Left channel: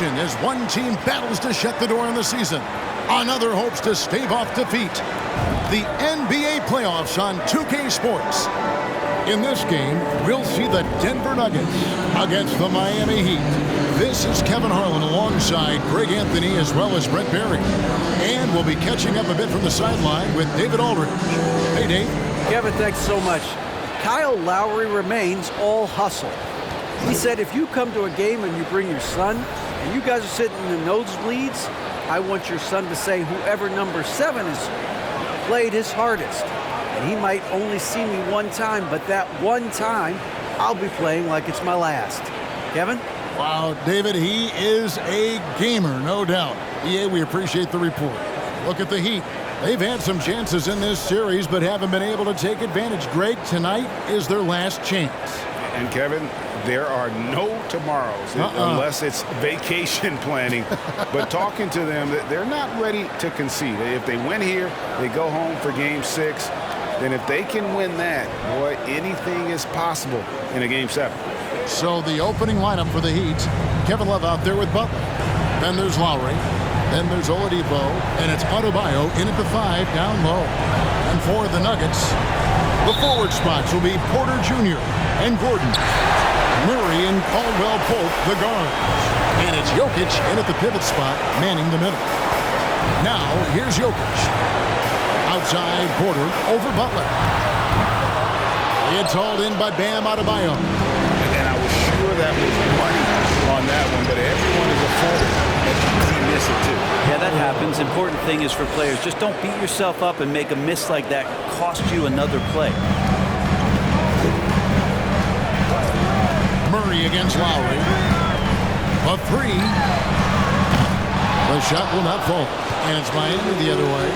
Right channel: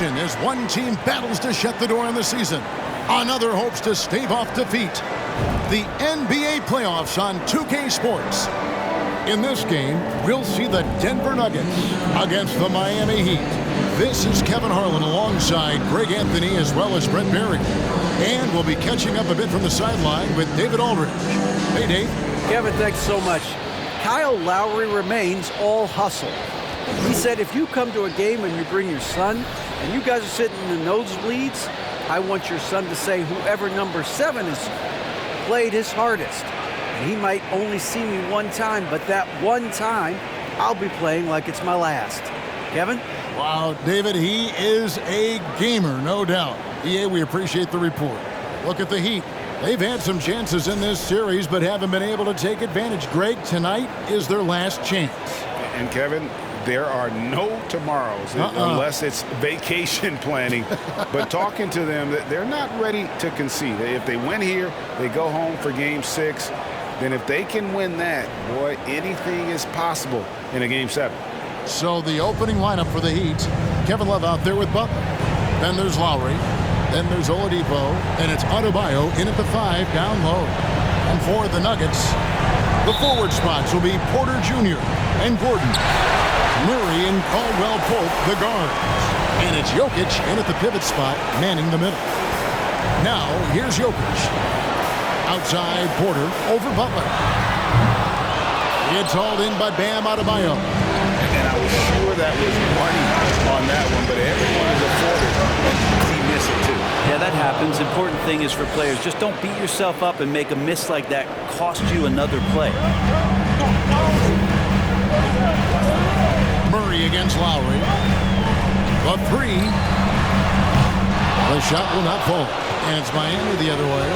tension as one team battles to shut the door on the season. Another hopes to stave off defeat. The NBA playoffs on 2K Sports. In this game, we'll see the Denver Nuggets against the Miami Heat. This is Kevin Harlan alongside Greg Anthony as well as Brett Berry. And we'll be catching up a bit from the sideline with David Aldridge. Hey, Dave. Kevin, thanks so much. Kyle Lowry remains all hustle. He said if you come to a game and you bring your son and you guys are sitting in the nosebleeds, I want your son to say whoever number 7 is played his hardest. And he might only see me one time, but that one time, I'll be playing like it's my last. Kevin? Wow, David, he is a gamer, no doubt. EA, we appreciate the report. Look at the Heat. They've had some chances in this series, but haven't been able to take advantage. Greg, tonight is their last chance. And Kevin, there are no tomorrows unless it's vacation planning. But talking to them, they're not ready to concede. If they win here, they go home for Game 6. Then if they can win that, boy, anything is possible in a Game 7. So the opening lineup for the Heat, Kevin Love out there with Butler. Then there's Lowry. Then there's Oladipo. And it's Adebayo in at the 5 down low. And for the Nuggets, the forward spots will be Porter Jr. and Gordon. Murray and Caldwell-Pope, the guards. And it's Jokic in at the pivot spot, manning the middle. Now, here's Jokic. Outside Porter over Butler. It's hauled in by Bam Adebayo. And I was sure that was money on that one, but everyone is afforded an easy miss it too. Yeah, that happens. Important thing is for players, just don't beat yourself up and make a miss like that cost you another play. Murray against Lowry. The 3. The shot will not fall. And it's Miami the other way.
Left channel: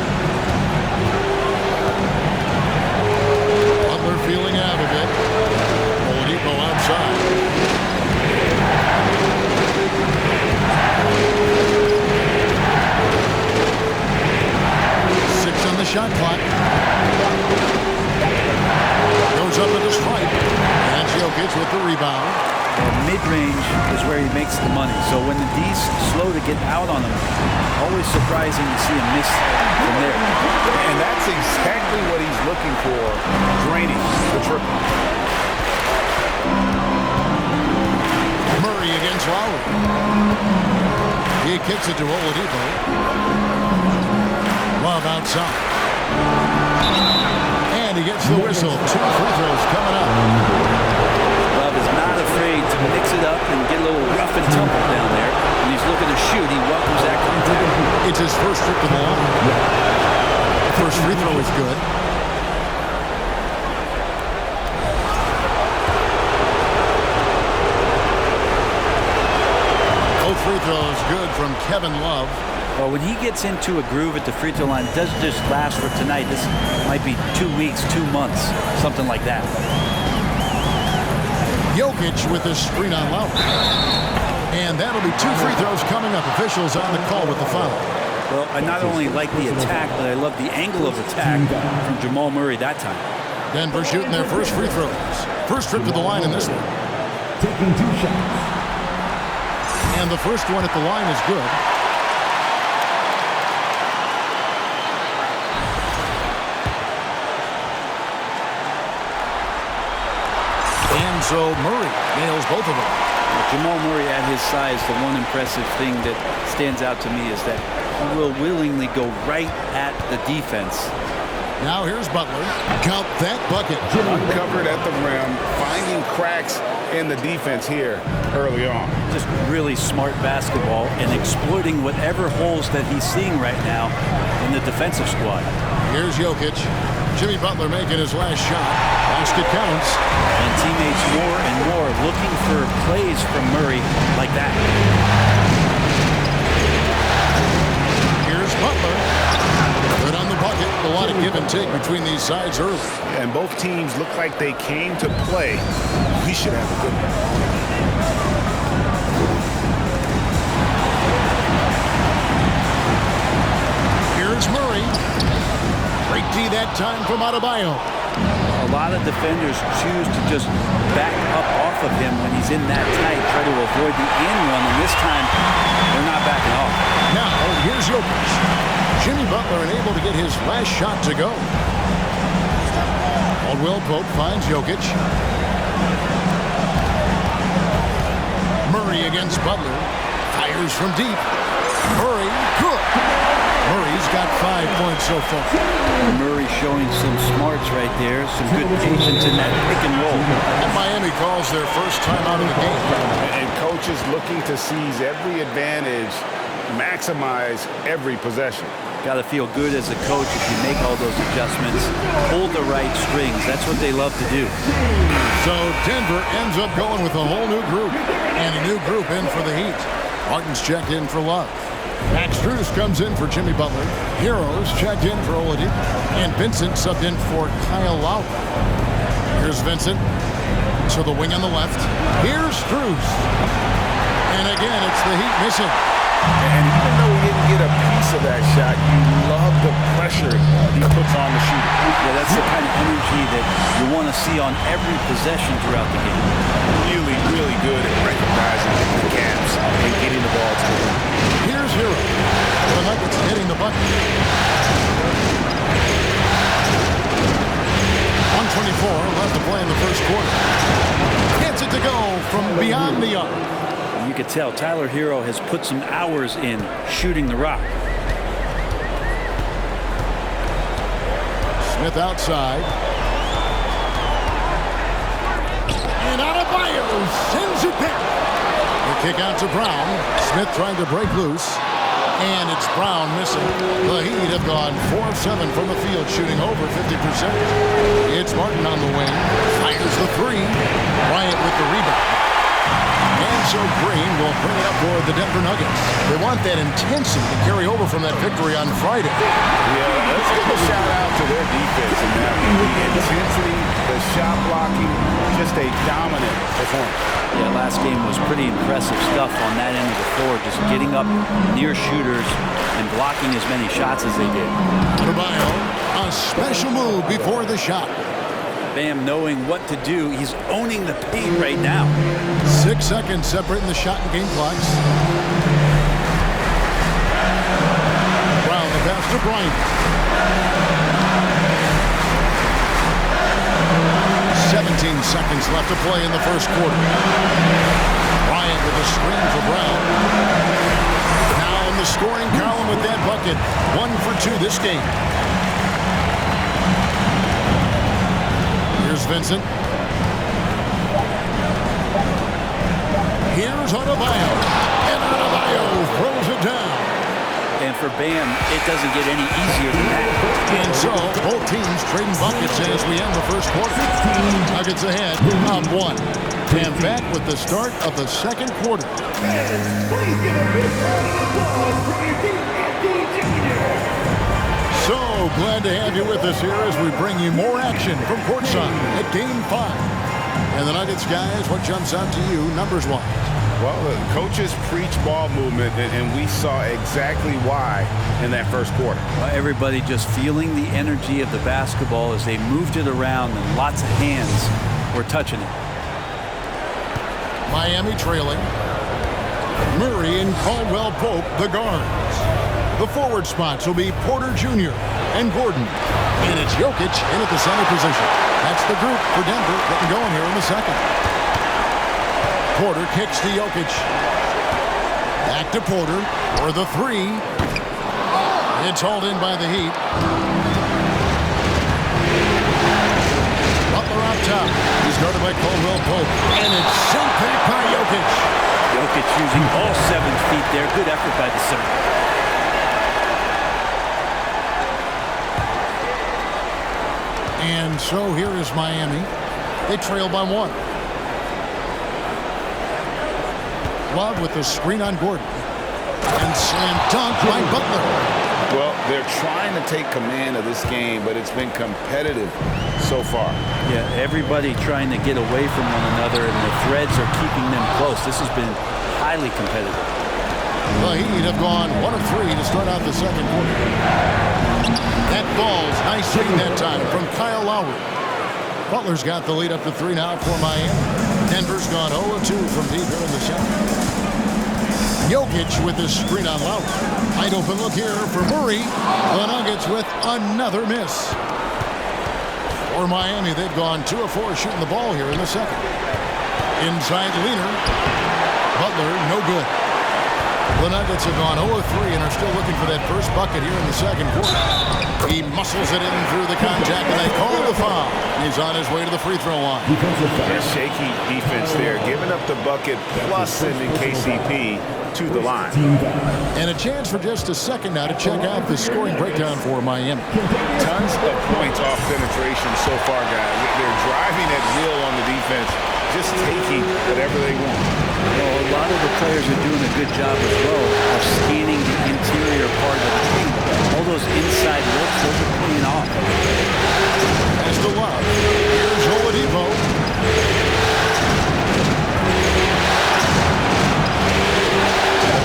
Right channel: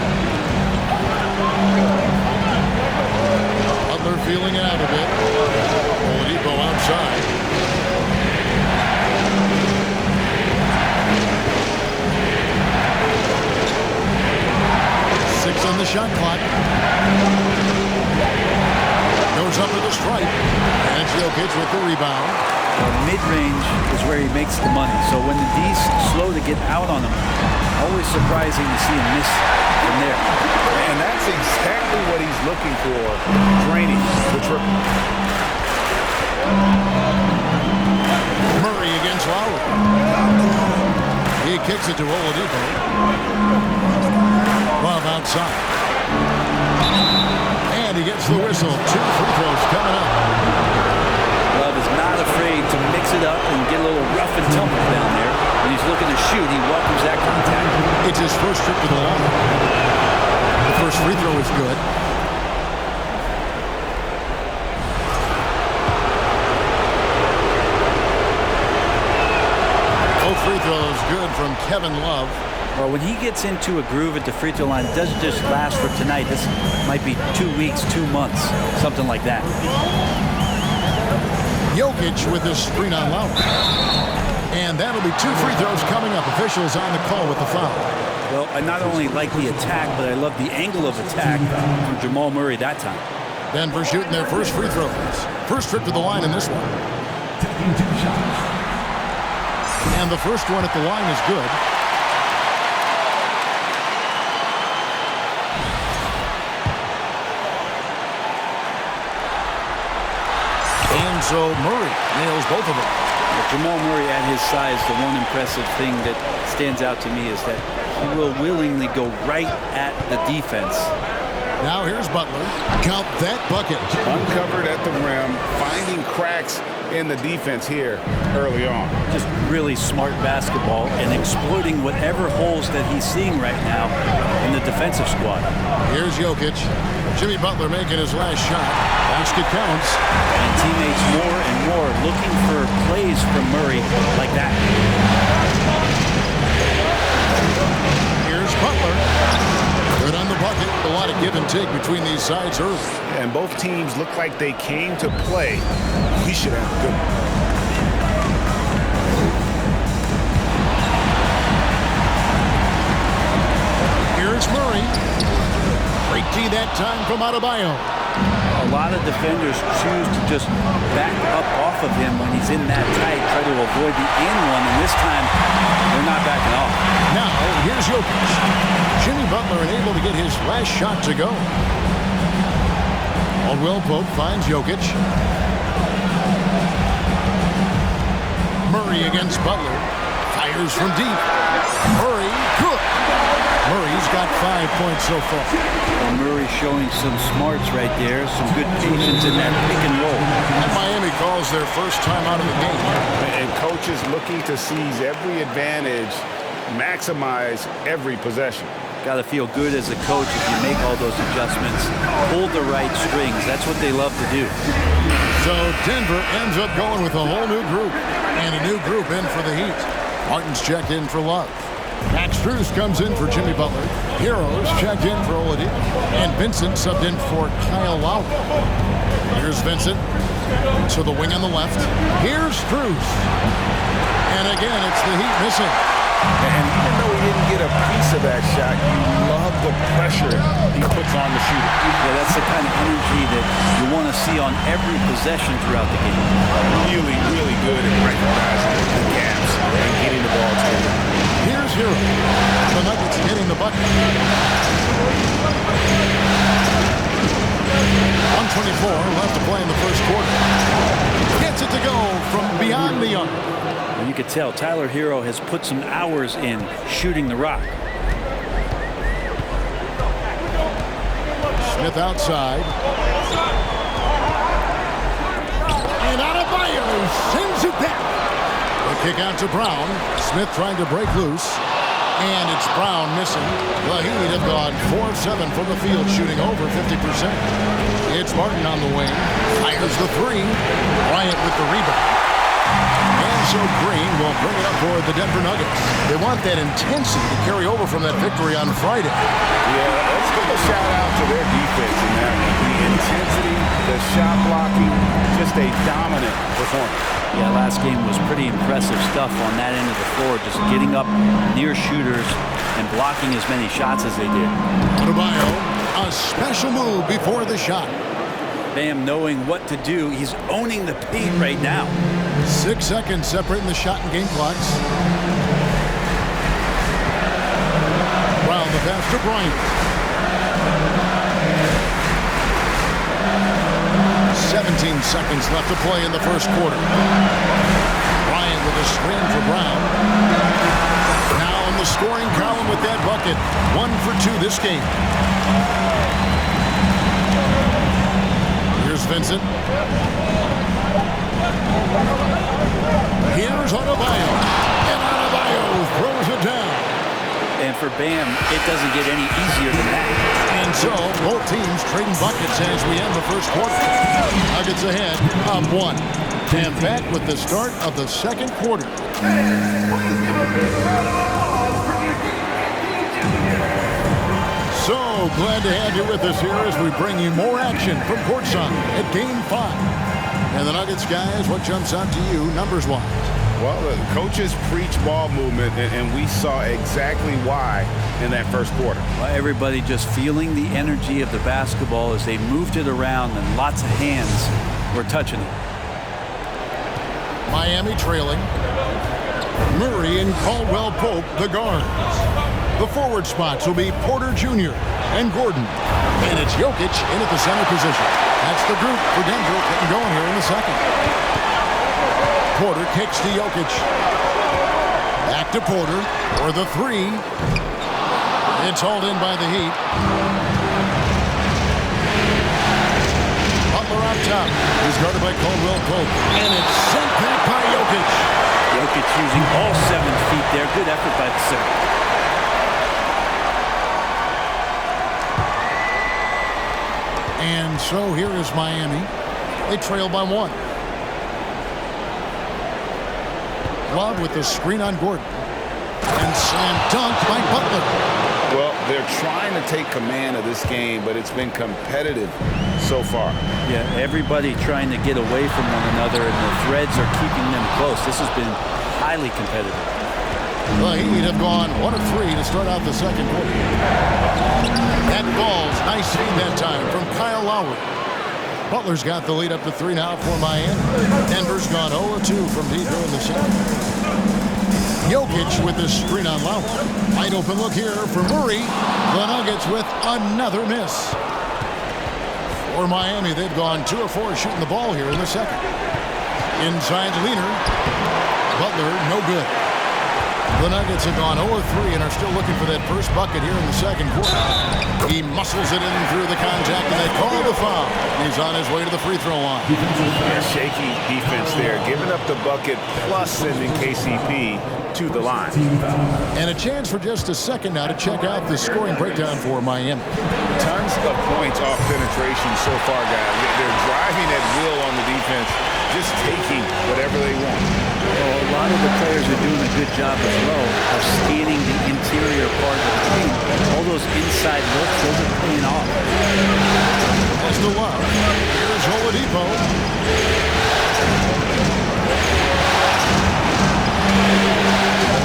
Butler feeling it out a bit. Oladipo outside. Six on the shot clock. Goes up at the stripe. And Jokic with the rebound. Well, mid-range is where he makes the money. So when the D's slow to get out on him, always surprising to see him miss from there. And that's exactly what he's looking for, draining the triple. Murray against Lowry. He kicks it to Oladipo. Love outside. And he gets the whistle. 2 free throws coming up. Love is not afraid to mix it up and get a little rough and tumble down there. When he's looking to shoot, he welcomes that contact. It's his first trip to the line. The first free throw is good. Both free throws good from Kevin Love. Well, when he gets into a groove at the free throw line, it doesn't just last for tonight. This might be 2 weeks, 2 months, something like that. Jokic with this screen on Lowry. And that'll be 2 free throws coming up. Officials on the call with the foul. Well, I not only like the attack, but I love the angle of attack from Jamal Murray that time. Denver shooting their first free throws. First trip to the line in this one. Taking 2 shots. And the first one at the line is good. And so Murray nails both of them. Jamal Murray at his size, the one impressive thing that stands out to me is that he will willingly go right at the defense. Now here's Butler. Count that bucket. Uncovered at the rim, finding cracks in the defense here early on. Just really smart basketball and exploiting whatever holes that he's seeing right now in the defensive squad. Here's Jokic. Jimmy Butler making his last shot. Basket counts. And teammates more and more looking for plays from Murray like that. Here's Butler. Good on the bucket. A lot of give and take between these sides early. And both teams look like they came to play. We should have a good one. Here's Murray. Great D that time from Adebayo. A lot of defenders choose to just back up off of him when he's in that tight, try to avoid the and one, and this time Here's Jokic. Jimmy Butler unable to get his last shot to go. Caldwell Pope finds Jokic. Murray against Butler. Fires from deep. Murray, good. Murray's got 5 points so far. And Murray showing some smarts right there, some good patience in that pick and roll. And Miami calls their first time out of the game. And coaches looking to seize every advantage, maximize every possession. Got to feel good as a coach if you make all those adjustments, pull the right strings. That's what they love to do. So Denver ends up going with a whole new group, and a new group in for the Heat. Martin's checked in for Love. Max Strus comes in for Jimmy Butler. Heroes checked in for Oladipo. And Vincent subbed in for Kyle Lowry. Here's Vincent to the wing on the left. Here's Strus. And again, it's the Heat missing. And even though he didn't get a piece of that shot, you love the pressure he puts on the shooter. Yeah, that's the kind of energy that you want to see on every possession throughout the game. Really, really good at recognizing the gaps and getting the ball to the rim. Here's Hero. The Nuggets hitting the bucket. 1:24 left to play in the first quarter. Gets it to go from beyond the arc. And you could tell Tyler Hero has put some hours in shooting the rock. Smith outside. And Adebayo sends it back. The kick out to Brown. Smith trying to break loose. And it's Brown missing. The Heat have gone 4 of 7 from the field, shooting over 50%. It's Martin on the wing. Fires the three. Bryant with the rebound. And so Green will bring it up for the Denver Nuggets. They want that intensity to carry over from that victory on Friday. Yeah, let's give a shout out to their defense in that one. The intensity, the shot blocking, just a dominant performance. Yeah, last game was pretty impressive stuff on that end of the floor, just getting up near shooters and blocking as many shots as they did. Adebayo, a special move before the shot. Bam knowing what to do. He's owning the paint right now. 6 seconds separating the shot and game clocks. Brown the pass to Bryant. 17 seconds left to play in the first quarter. Bryant with a screen for Brown. Now in the scoring column with that bucket. 1 for 2 this game. Here's Vincent. Here's Adebayo. And Adebayo throws it down. And for Bam, it doesn't get any easier than that. And so, both teams trading buckets as we end the first quarter. Nuggets ahead, up 1. And back with the start of the second quarter. So glad to have you with us here as we bring you more action from courtside at Game 5. And the Nuggets, guys, what jumps out to you numbers-wise? Well, the coaches preach ball movement, and we saw exactly why in that first quarter. Well, everybody just feeling the energy of the basketball as they moved it around, and lots of hands were touching it. Miami trailing. Murray and Caldwell Pope, the guards. The forward spots will be Porter Jr. and Gordon. And it's Jokic in at the center position. That's the group for Denver getting going here in the second. Porter kicks to Jokic. Back to Porter for the three. It's hauled in by the Heat. Butler up top. He's guarded by Caldwell Pope. And it's sent back by Jokic. Jokic using all 7 feet there. Good effort by the center. And so here is Miami. They trail by 1. Love with the screen on Gordon. And slam dunk by Butler. Well, they're trying to take command of this game, but it's been competitive so far. Yeah, everybody trying to get away from one another, and the threads are keeping them close. This has been highly competitive. The Heat have gone 1 of 3 to start out the second quarter. That ball's nice feed that time from Kyle Lowry. Butler's got the lead up to 3 now for Miami. Denver's gone 0 of 2 from deep here in the second. Jokic with the screen on Lowry. Wide open look here for Murray. The Nuggets with another miss. For Miami, they've gone 2 of 4 shooting the ball here in the second. Inside leaner. Butler, no good. The Nuggets have gone 0 of 3 and are still looking for that first bucket here in the second quarter. He muscles it in through the contact, and they call the foul. He's on his way to the free throw line. Yeah, shaky defense there, giving up the bucket plus sending KCP to the line. And a chance for just a second now to check out the scoring breakdown for Miami. Tons of points off penetration so far, guys. They're driving at will on the defense, just taking whatever they want. Well, a lot of the players are doing a good job as well of scanning the interior part of the team. All those inside looks, those are paying off. As to Love, here's Oladipo.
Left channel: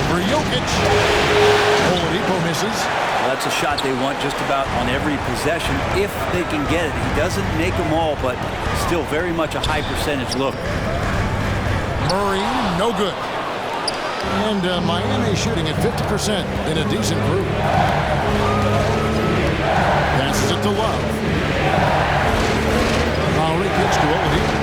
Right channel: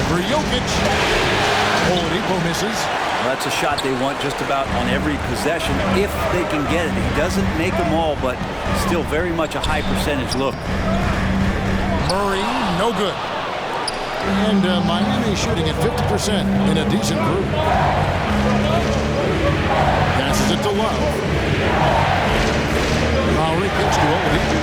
Over Jokic. Oladipo misses. Well, that's a shot they want just about on every possession if they can get it. He doesn't make them all, but still very much a high percentage look. Murray, no good. And Miami shooting at 50% in a decent group. Passes it to Love. Lowry kicks to Oladipo.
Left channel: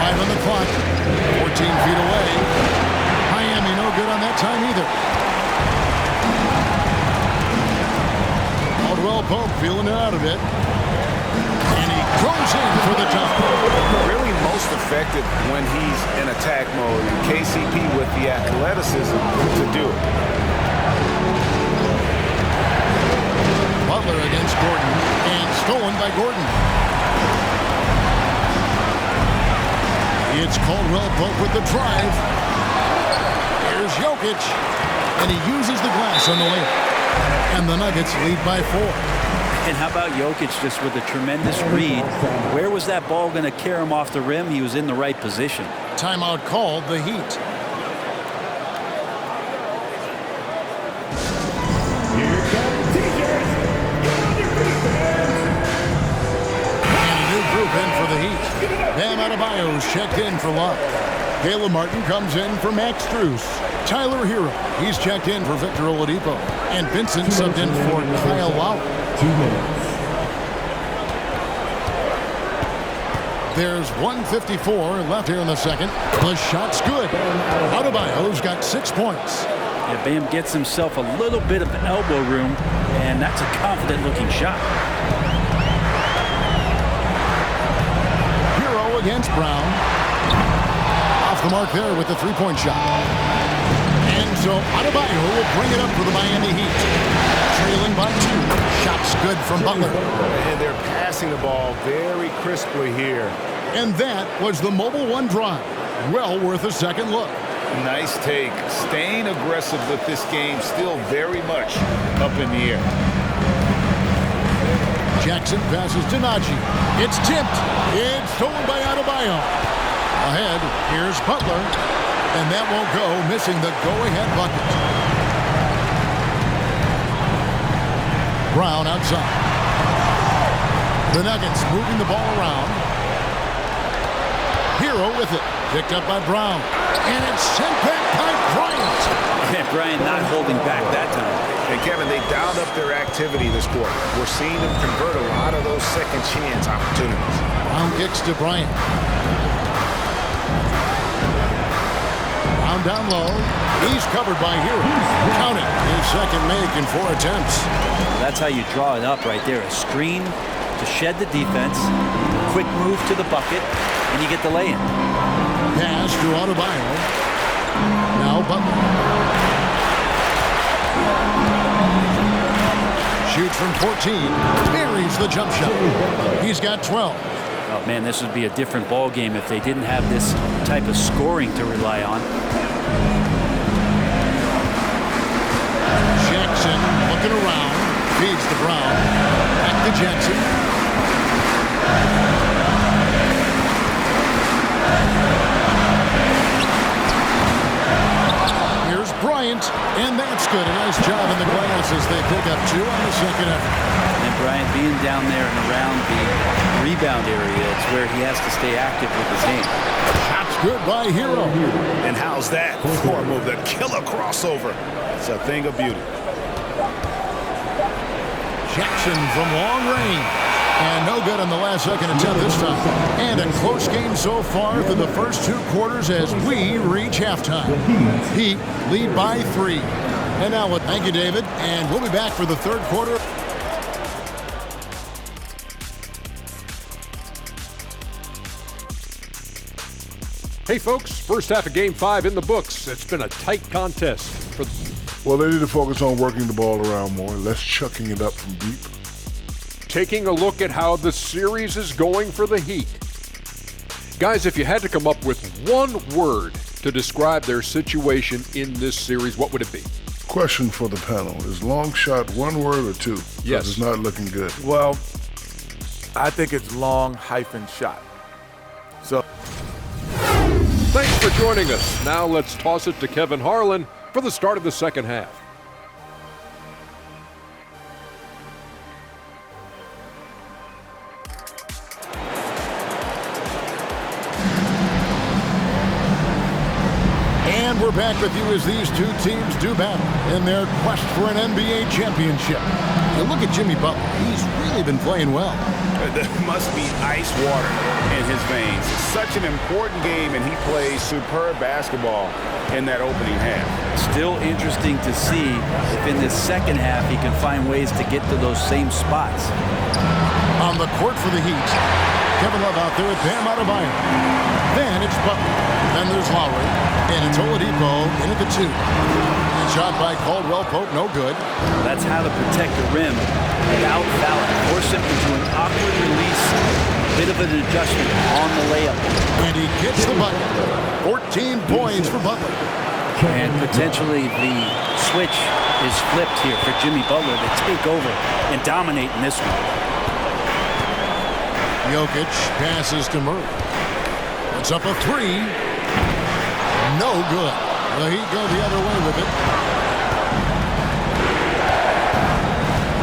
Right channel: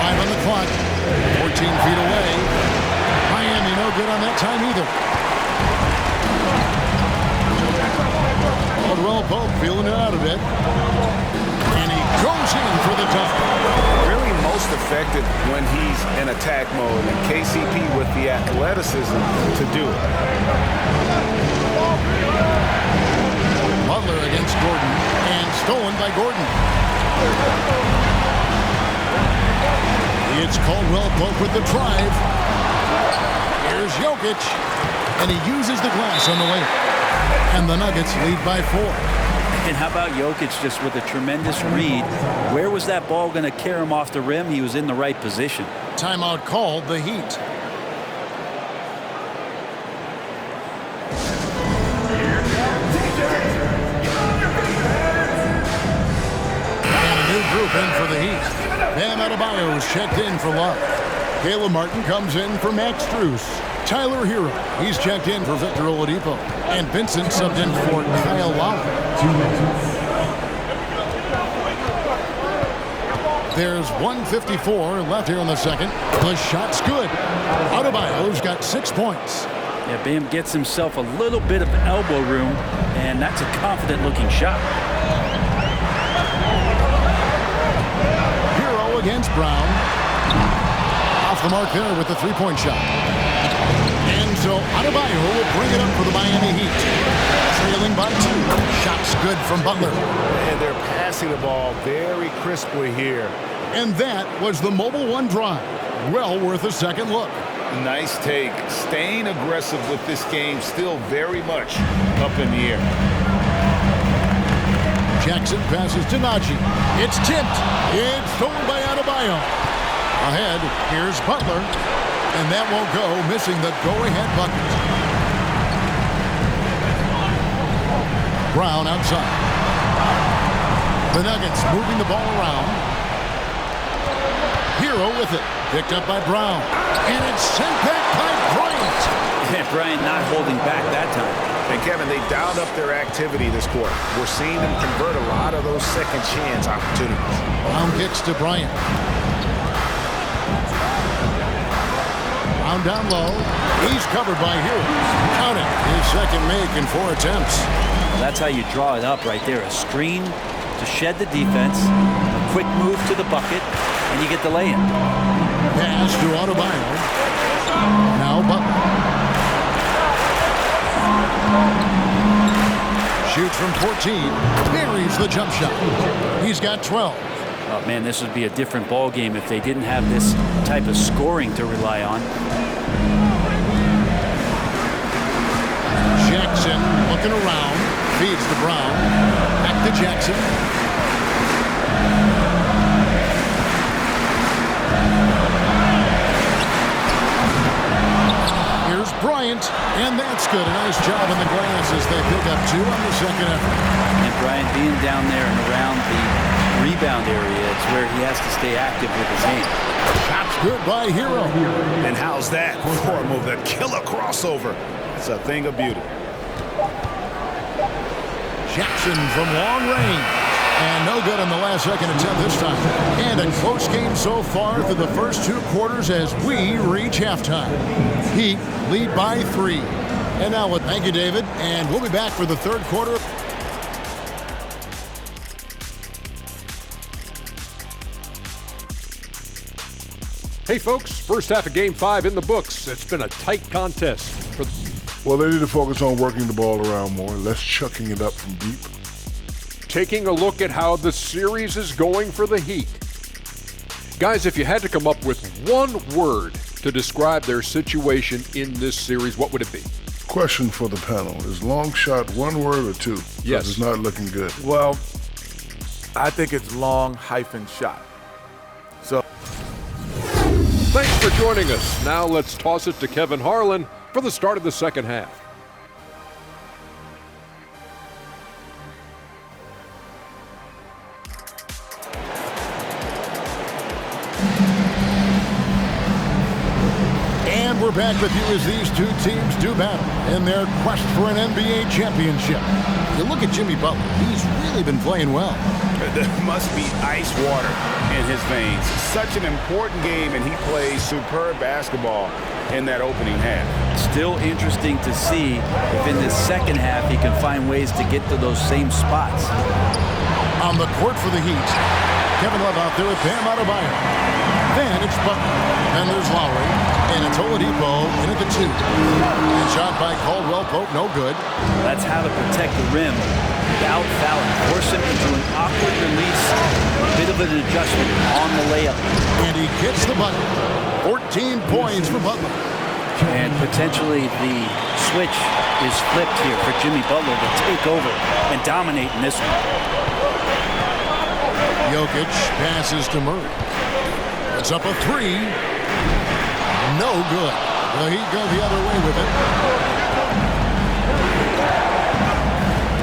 Five on the clock. 14 feet away. Miami no good on that time either. Caldwell Pope feeling it out a bit. And he goes in for the dunk. Really most effective when he's in attack mode, and KCP with the athleticism to do it. Butler against Gordon, and stolen by Gordon. It's Caldwell Pope with the drive. Here's Jokic, and he uses the glass on the layup. And the Nuggets lead by 4. And how about Jokic just with a tremendous read? Where was that ball going to carry him off the rim? He was in the right position. Timeout called, the Heat. And a new group in for the Heat. Bam Adebayo's checked in for Love. Caleb Martin comes in for Max Strus. Tyler Hero, he's checked in for Victor Oladipo. And Vincent subbed in for Kyle Lowry. 2 minutes. There's 1:54 left here in the second. The shot's good. Adebayo's got 6 points. Yeah, Bam gets himself a little bit of elbow room, and that's a confident-looking shot. Hero against Brown. Off the mark there with the three-point shot. And so Adebayo will bring it up for the Miami Heat. Trailing by 2. Shots good from Butler. And they're passing the ball very crisply here. And that was the Mobile One drive. Well worth a second look. Nice take. Staying aggressive with this game, still very much up in the air. Jackson passes to Najee. It's tipped. It's stolen by Adebayo. Ahead, here's Butler. And that won't go, missing the go-ahead bucket. Brown outside. The Nuggets moving the ball around. Hero with it. Picked up by Brown. And it's sent back by Bryant. And Bryant not holding back that time. And Kevin, they dialed up their activity this quarter. We're seeing them convert a lot of those second chance opportunities. Brown kicks to Bryant. Brown down low. He's covered by Hero. Count it. His second make in 4 attempts. Well, that's how you draw it up right there. A screen to shed the defense, a quick move to the bucket, and you get the lay-in. Pass to Adebayo. Now Butler. Shoots from 14. Buries the jump shot. He's got 12. Oh, man, this would be a different ball game if they didn't have this type of scoring to rely on. Jackson looking around. Feeds to Brown. Back to Jackson. Here's Bryant, and that's good. A nice job in the glass as they pick up 2 on the second effort. And Bryant being down there and around the rebound area. It's where he has to stay active with his hand. Shot's good by Hero. And how's that for a move? That killer crossover. It's a thing of beauty. Jackson from long range. And no good on the last second attempt this time. And a close game so far through the first 2 quarters as we reach halftime. Heat lead by 3. And now, thank you, David. And we'll be back for the third quarter. Hey folks, first half of Game 5 in the books. It's been a tight contest. Well, they need to focus on working the ball around more, less chucking it up from deep. Taking a look at how the series is going for the Heat. Guys, if you had to come up with one word to describe their situation in this series, what would it be? Question for the panel. Is long shot one word or two? Yes. It's not looking good. Well, I think it's long-shot. So, Thanks for joining us. Now let's toss it to Kevin Harlan for the start of the second half. And we're back with you as these two teams do battle in their quest for an NBA championship. You look at Jimmy Butler. He's really been playing well. There must be ice water in his veins. Such an important game, and he plays superb basketball in that opening half. Still interesting to see if in this second half he can find ways to get to those same spots. On the court for the Heat, Kevin Love out there with Bam Adebayo. Then it's Butler. Then there's Lowry. And it's Oladipo in at the 2. And shot by Caldwell Pope, no good. That's how to protect the rim without fouling. Force him into an awkward release. A bit of an adjustment on the layup. And he gets the bucket. 14 points for Butler. And potentially the switch is flipped here for Jimmy Butler to take over and dominate in this one. Jokic passes to Murray. Puts up a 3. No good. The Heat go the other way with it.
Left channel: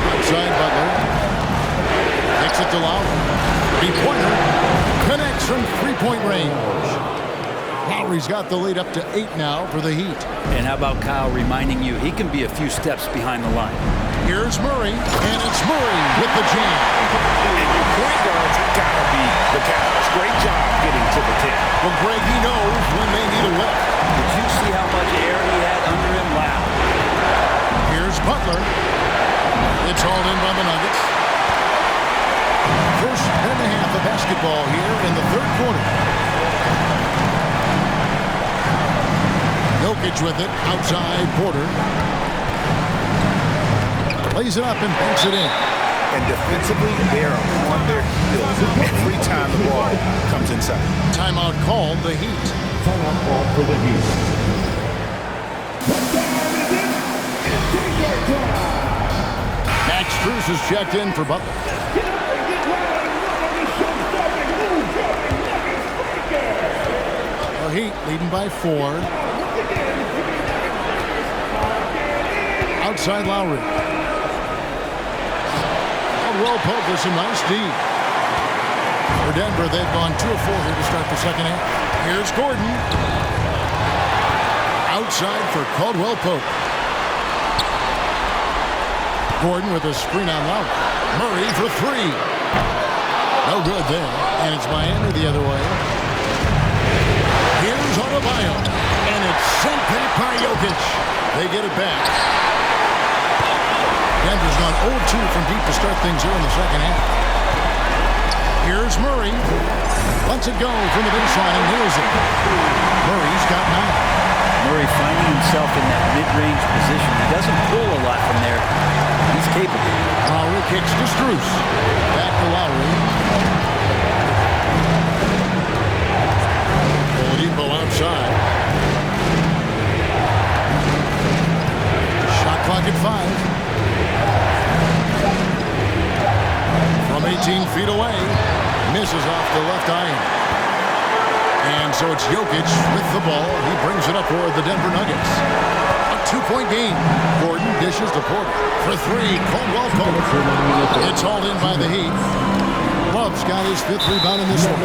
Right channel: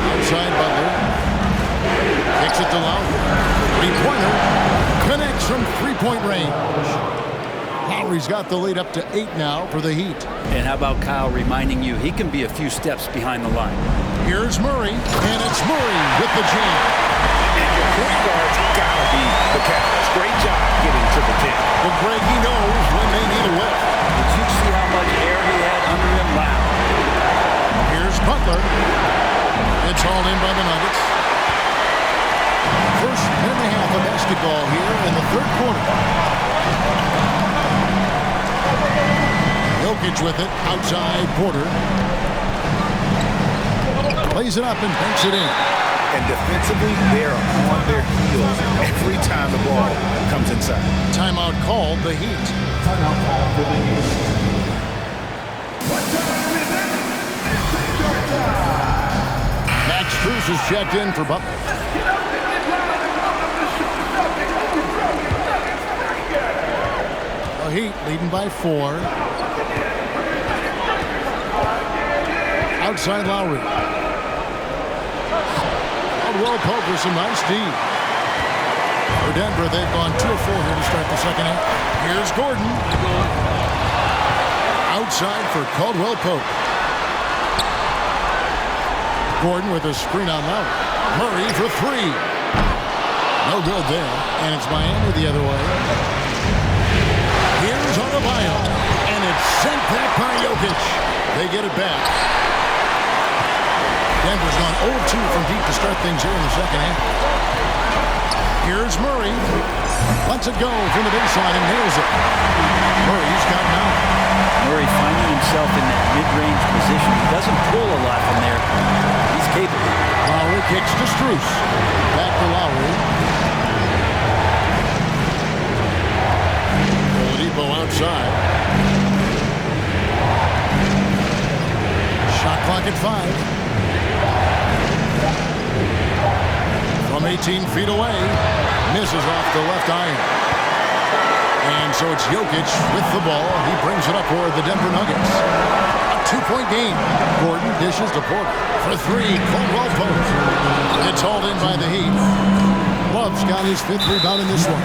Outside Butler. Kicks it to Lowry. 3-pointer. Connects from 3-point range. Lowry's got the lead up to 8 now for the Heat. And how about Kyle reminding you he can be a few steps behind the line. Here's Murray. And it's Murray with the jam. And your point guard's gotta be the catalyst. Great job getting to the 10. Well, Greg, he knows when they need a lift. Did you see how much air he had under him? Wow. Here's Butler. It's hauled in by the Nuggets. First minute and a half of basketball here in the third quarter. Jokic with it. Outside Porter. Plays it up and banks it in. And defensively, they're on their heels every time the ball comes inside. Timeout called, the Heat. Timeout call for the Heat. What time is it? It's take-up time. Max Strus is checked in for Butler. Get up and get loud and welcome to show-stopping, move-drumming Nuggets breaker. The Heat leading by 4. Outside Lowry. Caldwell Pope with some nice D. For Denver, they've gone 2 of 4 here to start the second half. Here's Gordon. Outside for Caldwell Pope. Gordon with a screen on Lowry. Murray for 3. No good there. And it's Miami the other way. Here's Adebayo. And it's sent back by Jokic. They get it back. Denver's gone 0-2 from deep to start things here in the second half. Here's Murray. Lets it go from the baseline and nails it. Murray's got 9. Murray finding himself in that mid-range position. He doesn't pull a lot from there. He's capable. Lowry kicks to Strus. Back to Lowry. Oladipo outside. Shot clock at 5. From 18 feet away, misses off the left iron. And so it's Jokic with the ball. He brings it up for the Denver Nuggets. A 2-point game. Gordon dishes to Porter. For 3, Caldwell Pope. It's hauled in by the Heat. Love's got his 5th rebound in this one.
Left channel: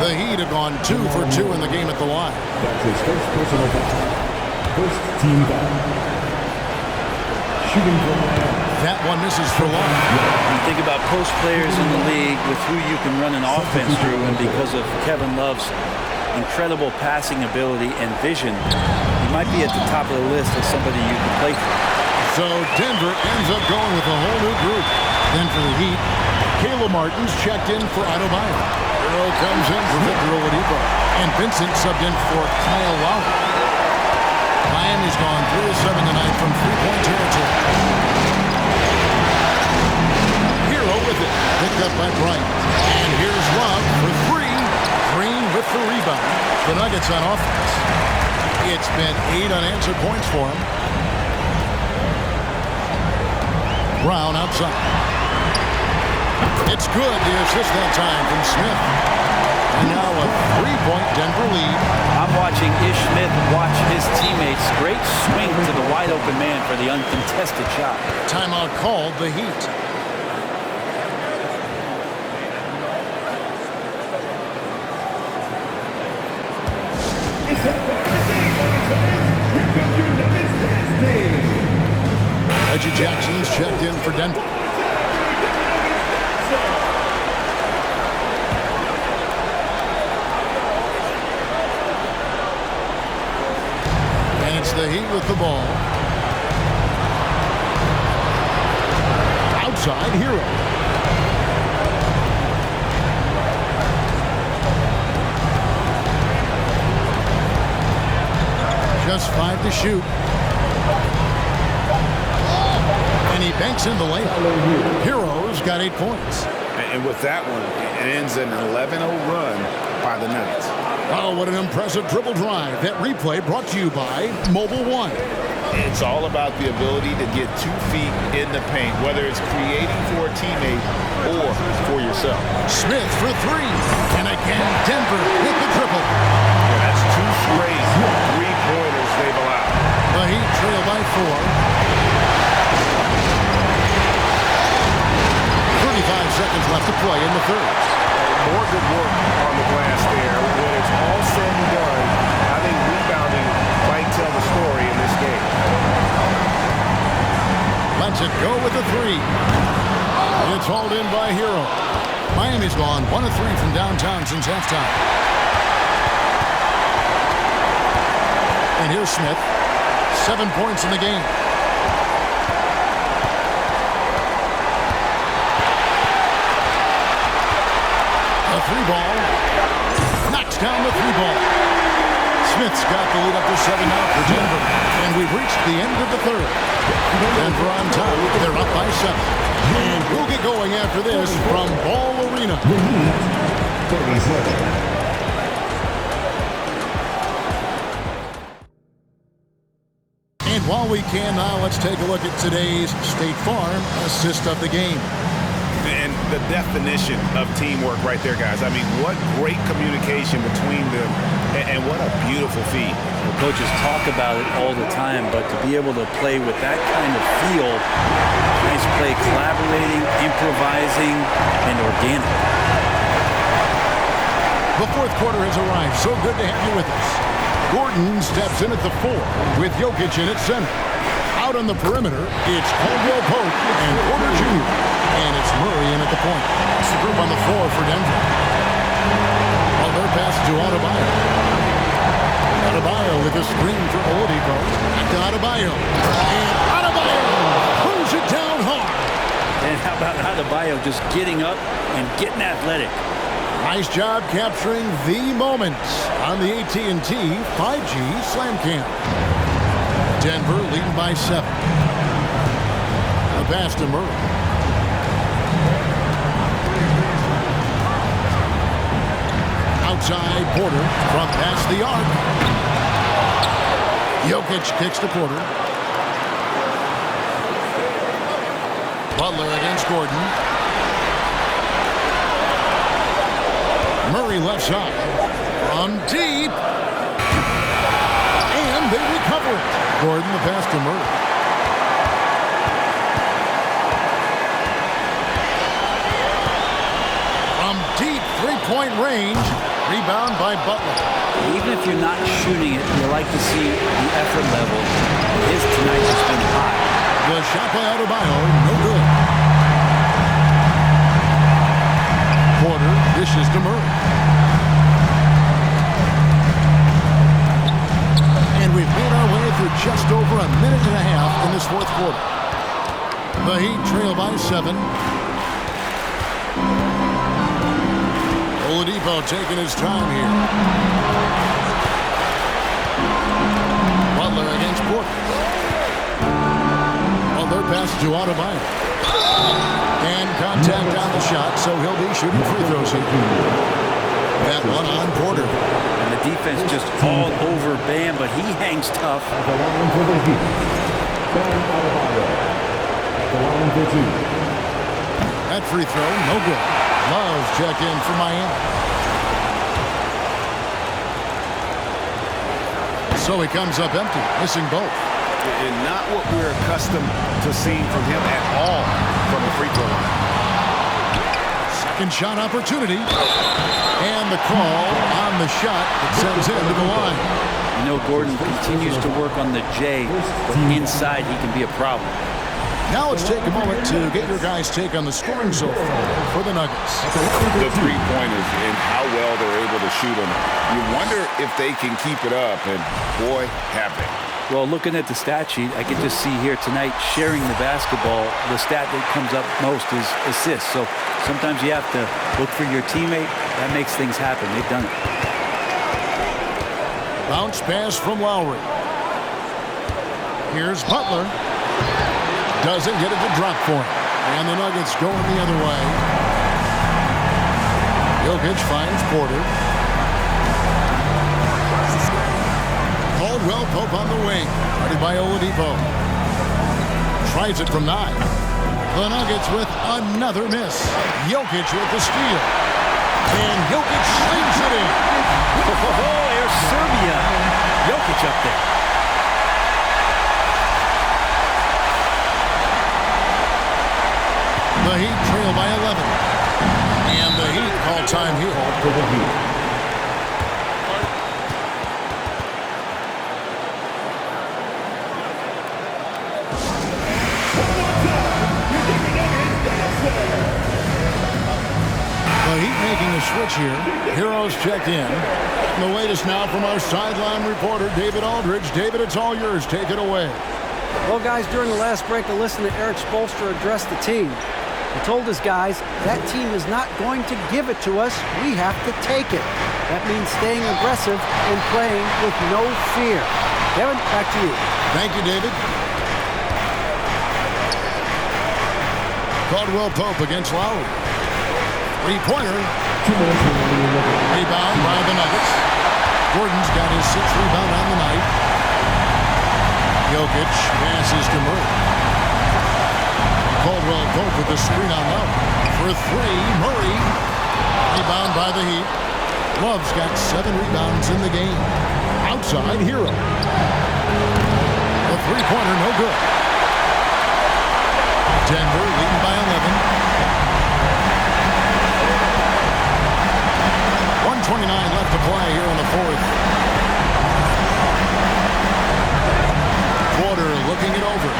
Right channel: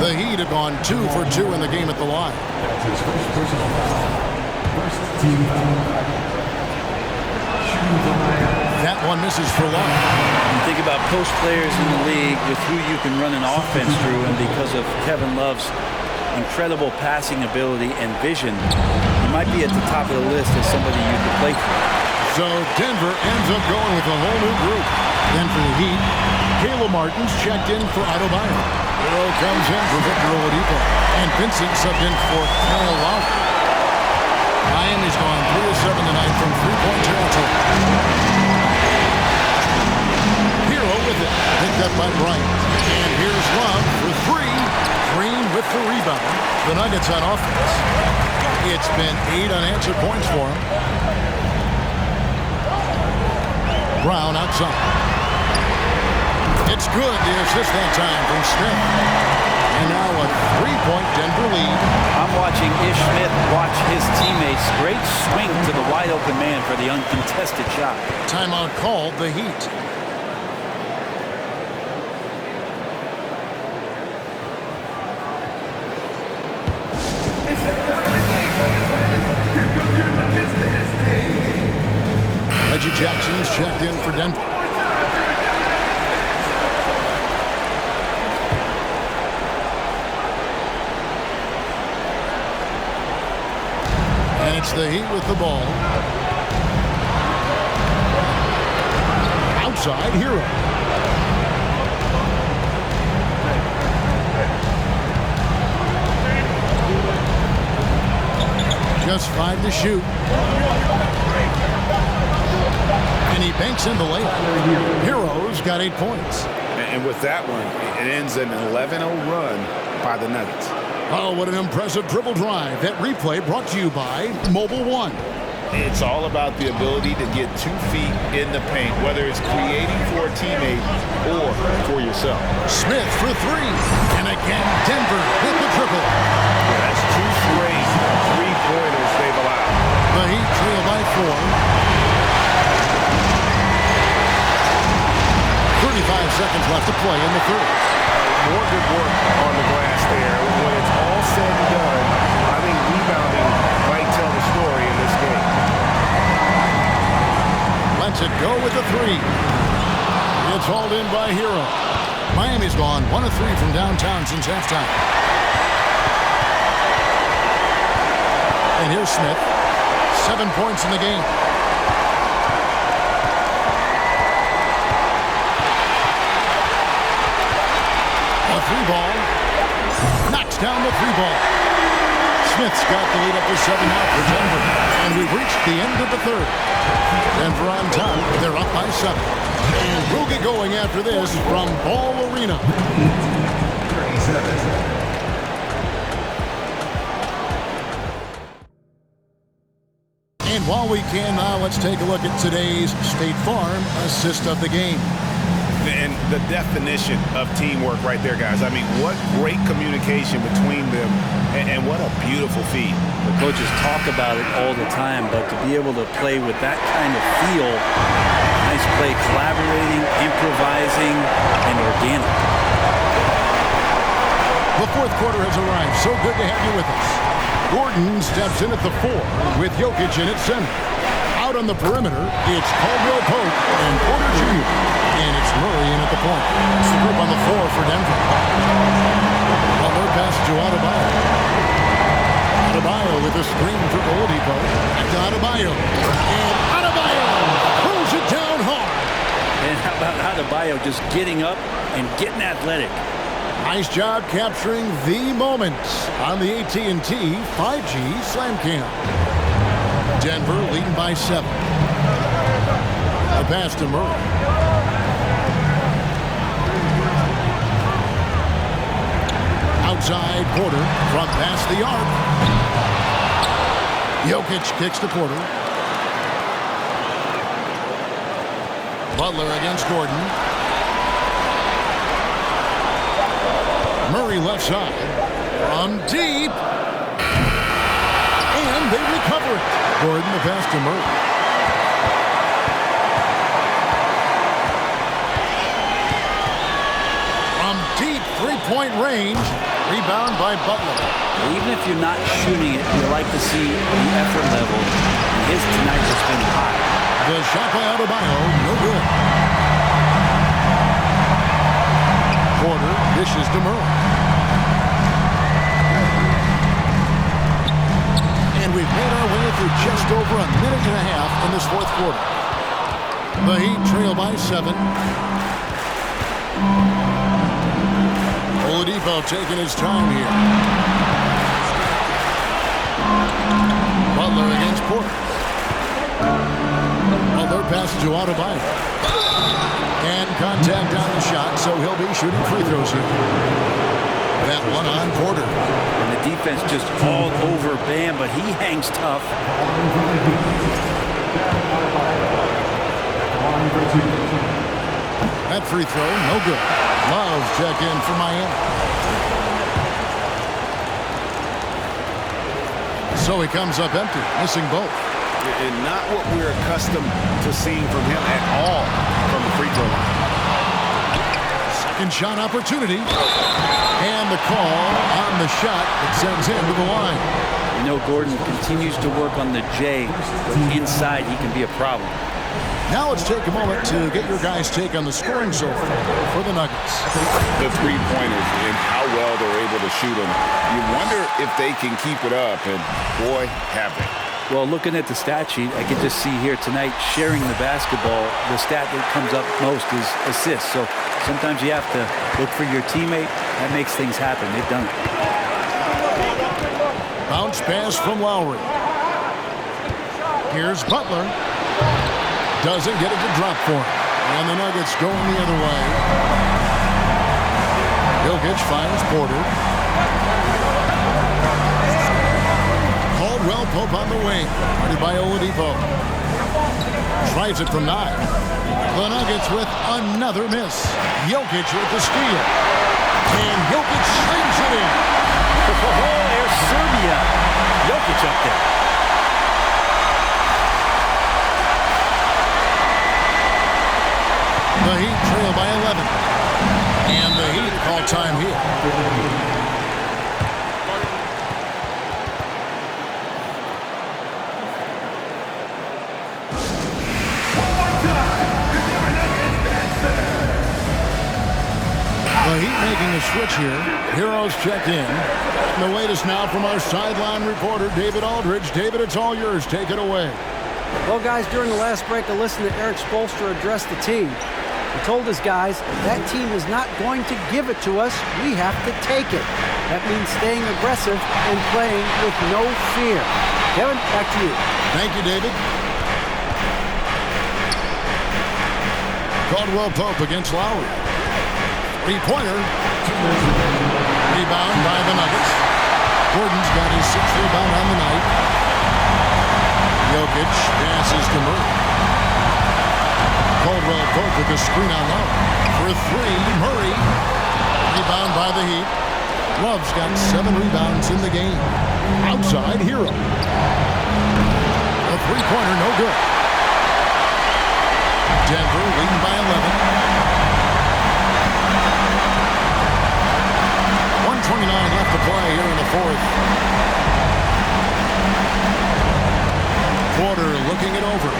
The Heat have gone 2 for 2 in the game at the line. That's his first personal foul. First team foul. Shooting from Miami. That one misses for Love. You think about post players in the league with who you can run an offense through, and because of Kevin Love's incredible passing ability and vision, he might be at the top of the list as somebody you could play through. So Denver ends up going with a whole new group. Then for the Heat, Caleb Martin's checked in for Adebayo. Hero comes in for Victor Oladipo. And Vincent subbed in for Kyle Lowry. Miami's gone 3 of 7 tonight from three-point territory. Hero with it, picked up by Bright. And here's Love for 3. Green with the rebound. The Nuggets on offense. It's been 8 unanswered points for him. Brown outside. It's good, the assist that time from Smith. And now a 3-point Denver lead. I'm watching Ish Smith watch his teammates. Great swing to the wide open man for the uncontested shot. Timeout called, the Heat. Reggie Jackson's checked in for Denver. And it's the Heat with the ball. Outside, Hero. Just 5 to shoot. And he banks in the layup. Hero's got 8 points. And with that one, it ends an 11-0 run by the Nuggets. Oh, what an impressive dribble drive. That replay brought to you by Mobile One. It's all about the ability to get 2 feet in the paint, whether it's creating for a teammate or for yourself. Smith for 3. And again, Denver with the triple. Yeah, that's 2 straight 3-pointers they've allowed. The Heat trail by 4. 35 seconds left to play in the third. More good work on the glass there. When it's all said and done, I think rebounding might tell the story in this game. Lets it go with the 3. It's hauled in by Hero. Miami's gone 1 of 3 from downtown since halftime. And here's Smith. 7 points in the game. A 3-ball. Knocks down the 3-ball. Smith's got the lead up to 7 now for Denver. And we've reached the end of the third. Denver on top. They're up by 7. And we'll get going after this from Ball Arena. 37. And while we can now, let's take a look at today's State Farm assist of the game. And the definition of teamwork right there, guys. I mean, what great communication between them, and what a beautiful feed. The coaches talk about it all the time, but to be able to play with that kind of feel, nice play, collaborating, improvising, and organic. The fourth quarter has arrived. So good to have you with us. Gordon steps in at the 4 with Jokic in at center. Out on the perimeter, it's Caldwell Pope and Porter Jr. And it's Murray in at the point. It's the group on the floor for Denver. Butler passes to Adebayo. Adebayo with a screen for Oladipo. Back to Adebayo. And Adebayo throws it down hard. And how about Adebayo just getting up and getting athletic? Nice job capturing the moments on the AT&T 5G Slam Cam. Denver leading by 7. A pass to Murray. Outside, Porter from past the arc. Jokic kicks to Porter. Butler against Gordon. Murray left side. From deep. And they recover it. Gordon the pass to Murray. From deep three-point range, rebound by Butler. Even if you're not shooting it, you like to see the effort level. And his tonight has been high. The shot by Adebayo, no good. Porter dishes to Murray. And we've made our way through just over a minute and a half in this fourth quarter. The Heat trail by 7. Oladipo taking his time here. Butler against Porter. Well, their pass to Adebayo. And contact on the shot, so he'll be shooting free throws here. That one on Porter. And the defense just all over Bam, but he hangs tough. That free throw, no good. Love check in for Miami. So he comes up empty, missing both. And not what we're accustomed to seeing from him at all from the free throw line. Second shot opportunity. And the call on the shot that sends him to the line. You know, Gordon continues to work on the J, but inside he can be a problem. Now let's take a moment to get your guys' take on the scoring so far for the Nuggets. The three-pointers and how well they're able to shoot them. You wonder if they can keep it up, and boy, have they. Well, looking at the stat sheet, I can just see here tonight sharing the basketball. The stat that comes up most is assists. So sometimes you have to look for your teammate. That makes things happen. They've done it. Bounce pass from Lowry. Here's Butler. Doesn't get it to drop for him. And the Nuggets going the other way. Jokic finds Porter. Caldwell Pope on the wing. Guarded by Oladipo. Tries it from 9. The Nuggets with another miss. Jokic with the steal. And Jokic slings it in. Oh, there's Serbia. Jokic up there. The Heat trail by 11. And the Heat call time here for the Heat. The Heat making a switch here. Heroes checked in. And the latest now from our sideline reporter, David Aldridge. David, it's all yours. Take it away. Well, guys, during the last break, I listened to Eric Spoelstra address the team. He told his guys, that team is not going to give it to us. We have to take it. That means staying aggressive and playing with no fear. Kevin, back to you. Thank you, David. Caldwell Pope against Lowry. Three-pointer. Rebound by the Nuggets. Gordon's got his 6th rebound on the night. Jokic passes to Murray. Caldwell Pope with the screen on Lowry. For 3, Murray. Rebound by the Heat. Love's got 7 rebounds in the game. Outside, Hero. A three-pointer, no good. Denver leading by 11. 1:29 left to play here in the fourth. Porter looking it over.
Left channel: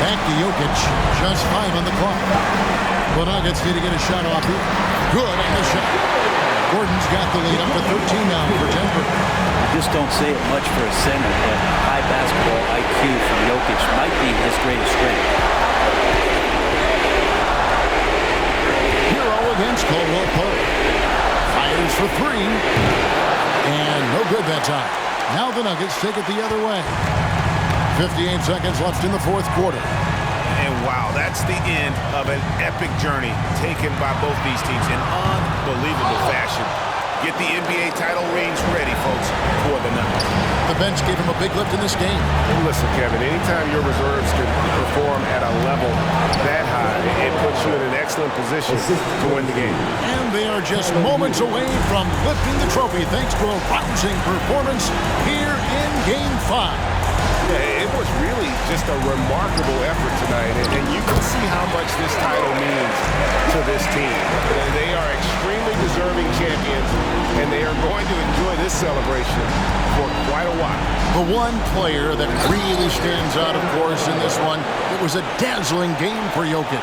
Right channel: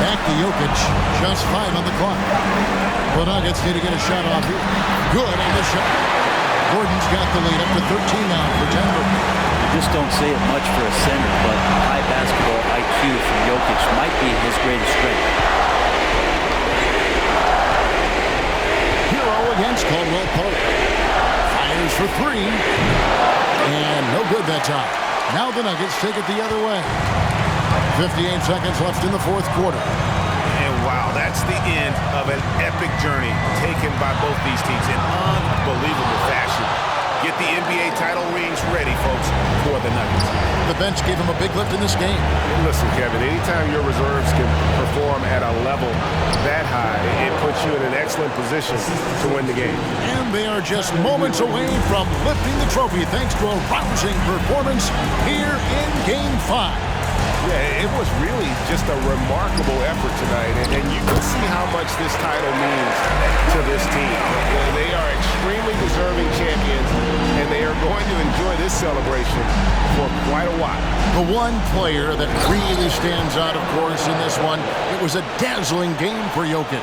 Back to Jokic. Just 5 on the clock. The Nuggets need to get a shot off here. Good on the shot. Gordon's got the lead up to 13 now for Denver. You just don't say it much for a center, but high basketball IQ from Jokic might be his greatest strength. Hero against Caldwell Pope. Fires for 3. And no good that time. Now the Nuggets take it the other way. 58 seconds left in the fourth quarter. And wow, that's the end of an epic journey taken by both these teams in unbelievable fashion. Get the NBA title rings ready, folks, for the Nuggets. The bench gave him a big lift in this game. And listen, Kevin, anytime your reserves can perform at a level that high, it puts you in an excellent position to win the game. And they are just moments away from lifting the trophy thanks to a rousing performance here in Game 5. Yeah, it was really just a remarkable effort tonight, and you can see how much this title means to this team. They are extremely deserving champions, and they are going to enjoy this celebration for quite a while. The one player that really stands out, of course, in this one, it was a dazzling game for Jokic.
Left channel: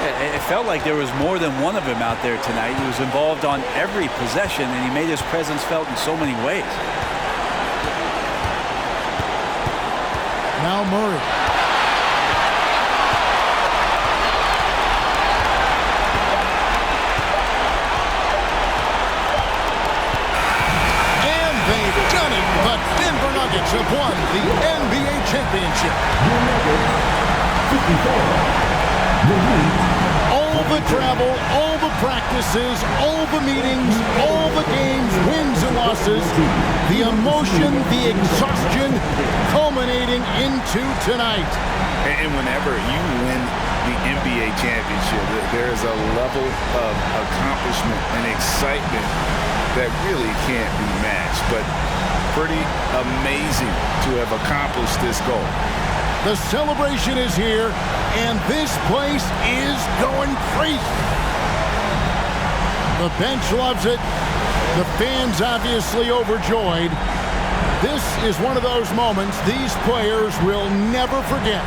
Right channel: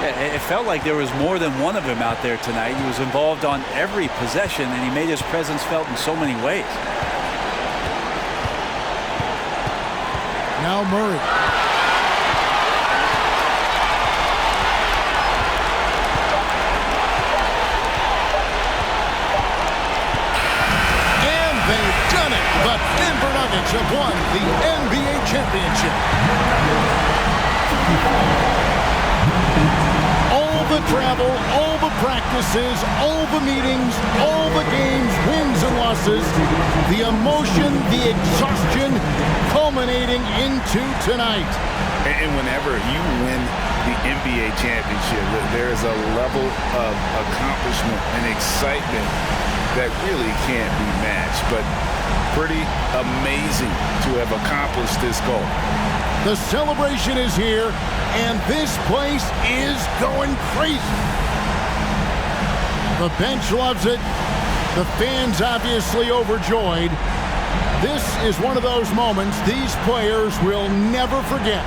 Yeah, it felt like there was more than one of him out there tonight. He was involved on every possession, and he made his presence felt in so many ways. Now Murray. And they've done it. The Denver Nuggets have won the NBA championship. All the travel, all the practices, all the meetings, all the games, wins and losses, the emotion, the exhaustion, culminating into tonight. And whenever you win the NBA championship, there is a level of accomplishment and excitement that really can't be matched. But pretty amazing to have accomplished this goal. The celebration is here, and this place is going crazy. The bench loves it. The fans obviously overjoyed. This is one of those moments these players will never forget.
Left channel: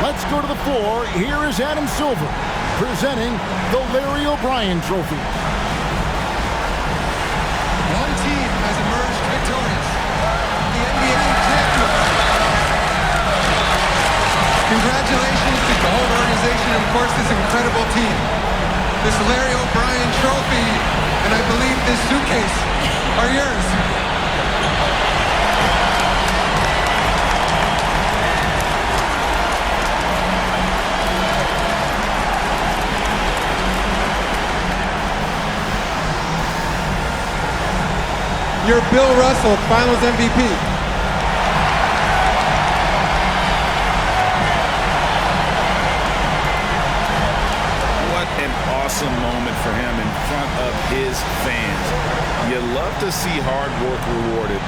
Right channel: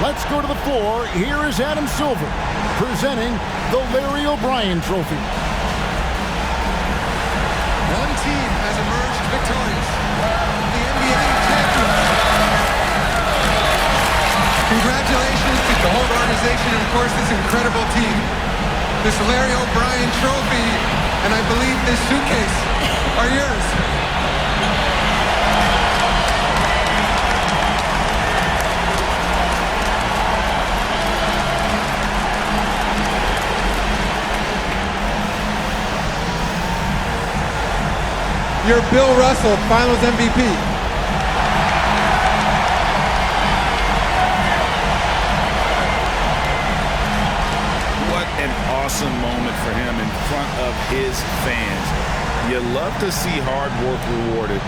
Let's go to the floor. Here is Adam Silver presenting the Larry O'Brien Trophy. One team has emerged victorious. The NBA champions. Congratulations to the whole organization and, of course, this incredible team. This Larry O'Brien Trophy, and I believe this suitcase are yours. You're Bill Russell, Finals MVP. An awesome moment for him in front of his fans. You love to see hard work rewarded,